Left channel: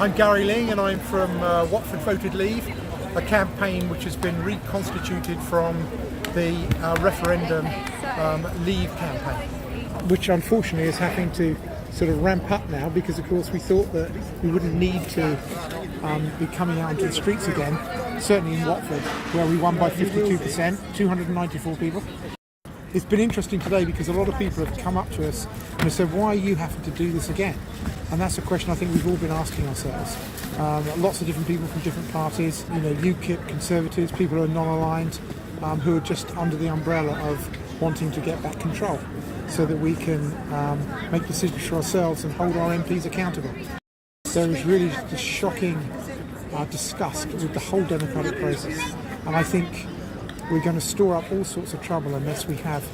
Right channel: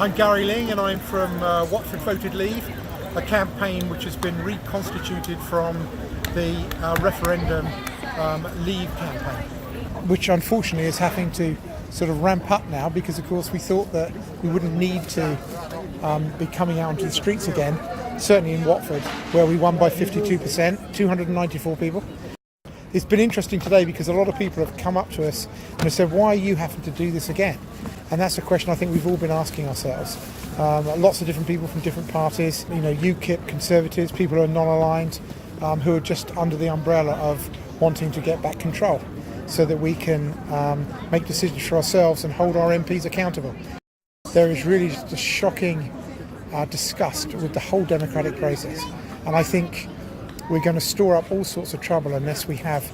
I'm Gary Ling and I'm from Watford Voted Leave, a campaign which has been reconstituted from the referendum Leave campaign. Which unfortunately is having to sort of ramp up now because of course we thought that we wouldn't need to be coming out into the streets again, certainly in Watford where we won by 52%, 294 people. It's been interesting today because a lot of people have come up to us and have said, why are you having to do this again? And that's a question I think we've all been asking ourselves. Lots of different people from different parties, UKIP, Conservatives, people who are non-aligned, who are just under the umbrella of wanting to get back control so that we can make decisions for ourselves and hold our MPs accountable. There is really just a shocking disgust with the whole democratic process. And I think we're going to store up all sorts of trouble unless we have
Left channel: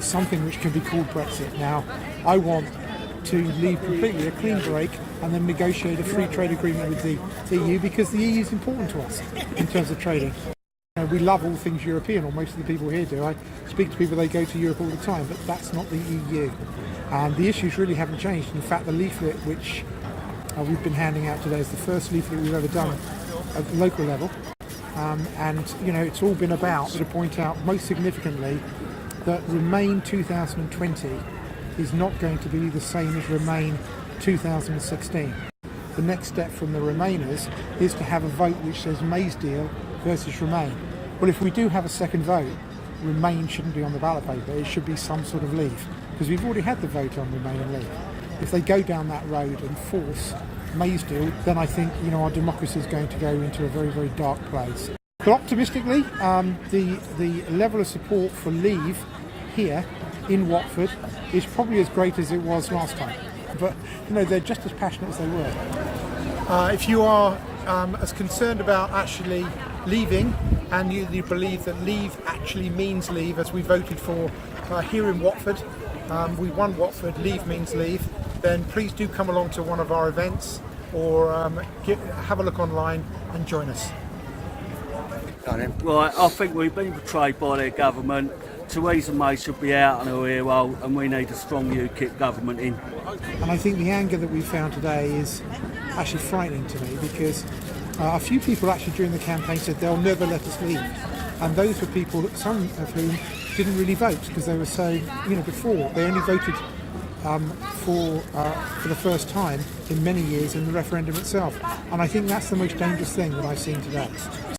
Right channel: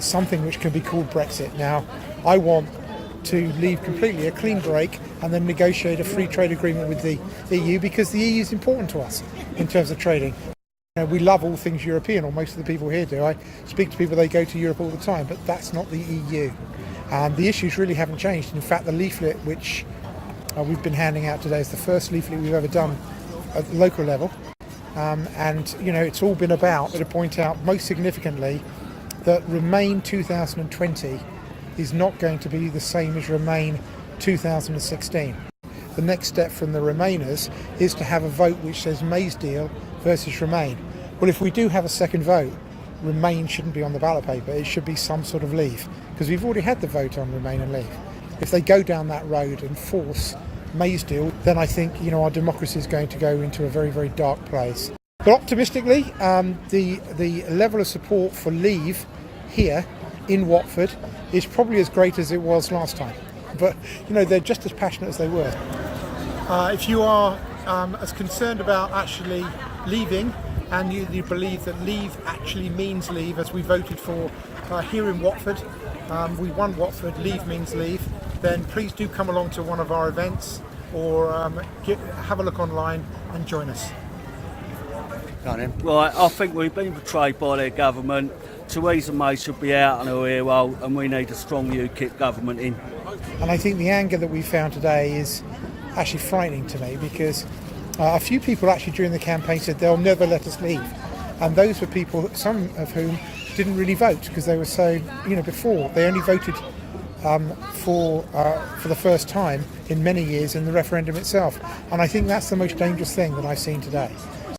something which can be called Brexit. Now, I want to leave completely a clean break and then negotiate a free trade agreement with the EU because the EU is important to us in terms of trading. We love all things European, or most of the people here do. I speak to people, they go to Europe all the time, but that's not the EU. The issues really haven't changed. In fact, the leaflet which we've been handing out today is the first leaflet we've ever done at the local level. It's all been about to point out most significantly that Remain 2020 is not going to be the same as Remain 2016. The next step from the Remainers is to have a vote which says May's deal versus Remain. Well, if we do have a second vote, Remain shouldn't be on the ballot paper, it should be some sort of Leave, because we've already had the vote on Remain and Leave. If they go down that road and force May's deal, then I think our democracy is going to go into a very, very dark place. But optimistically, the level of support for Leave here in Watford is probably as great as it was last time. But they're just as passionate as they were. If you are as concerned about actually leaving, and you believe that Leave actually means Leave, as we voted for here in Watford, we won Watford, Leave means Leave, then please do come along to one of our events or have a look online and join us. Right, I think we've been betrayed by their government. Theresa May should be out on her ear roll, and we need a strong UKIP government in. And I think the anger that we found today is actually frightening to me because a few people actually during the campaign said they'll never let us leave. And those were people, some of whom didn't really vote because they were so, before they only voted for the first time in many years in the referendum itself. And I think that's the most dangerous thing that I've seen today.